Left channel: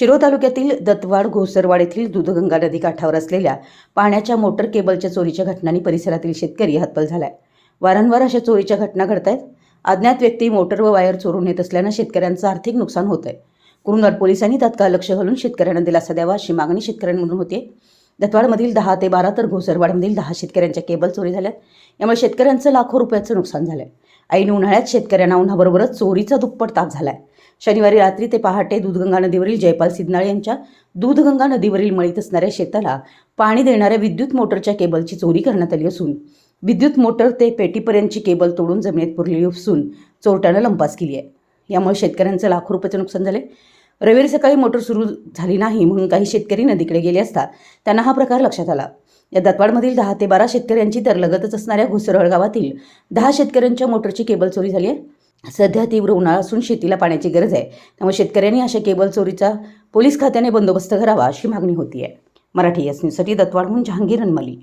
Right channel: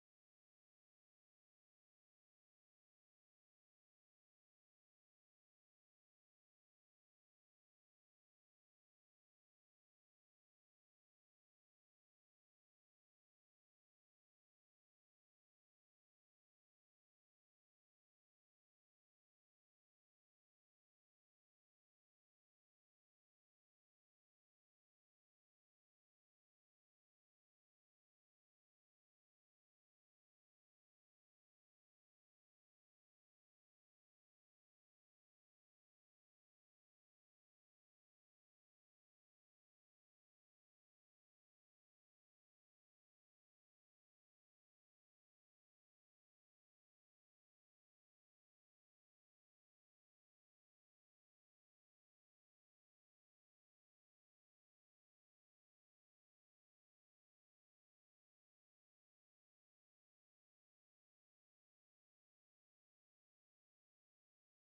शिरोळ तालुक्यातील दत्तवाड घोसरवाड येथील दूधगंगा नदी काठावर असलेल्या पाण्याच्या मोटर केबलच्या चोरीच्या घटनांनी परिसरातील शेतकरी हतबल झालाय। वारंवार अशा चोरीच्या घटना घडत आहेत। अज्ञात व्यक्ती मोटर व वायर चोरून नेत असल्याने शेतकऱ्यांचं आर्थिक नुकसान होत आहे। कुरुंदवाड पोलिसांनी तात्काळ लक्ष घालून शेतकऱ्यांना दिलासा द्यावा अशी मागणी शेतकऱ्यांमधून होते। दत्तवाडमधील 10 ते 12 तर घोसरवाडमधील 10 शेतकऱ्यांच्या केबल चोरी झाल्यात। यामुळे शेतकऱ्यांचं लाखो रुपयाचं नुकसान झालंय। ऐन उन्हाळ्यात शेतकऱ्यांना उन्हाबरोबरच चोरीचा दुप्पट ताप झालाय। शनिवारी रात्री ते पहाटे दूधगंगा नदीवरील जयपाल सिद्धनाळे यांच्या दूधगंगा नदीवरील मळीत असणाऱ्या शेताला पाणी देणाऱ्या विद्युत मोटरच्या केबलची चोरी करण्यात आली असून विद्युत मोटर ते पेटीपर्यंतची केबल तोडून जमिनीत पुरली असून चोरट्यानं लंपास केली आहे। यामुळे शेतकऱ्यांचं लाखो रुपयाचं नुकसान झाले। रविवारी सकाळी मोटर सुरू झाली नाही म्हणून काही शेतकरी नदीकडे गेले असता त्यांना हा प्रकार लक्षात आला। या दत्तवाडमधील 10 ते 12 शेतकऱ्यांची तर लगतच असणाऱ्या घोसरवाड गावातील 10 शेतकऱ्यांच्या मोटरची केबल चोरी झाली आहे। सध्या तीव्र उन्हाळा असून शेतीला पाण्याची गरज आहे, त्यामुळे शेतकऱ्यांनी अशा केबल चोरीचा पोलीस खात्याने बंदोबस्त करावा अशी मागणी होती आहे। मराठी एस न्यूजसाठी दत्तवाडहून जहांगीर अनमली।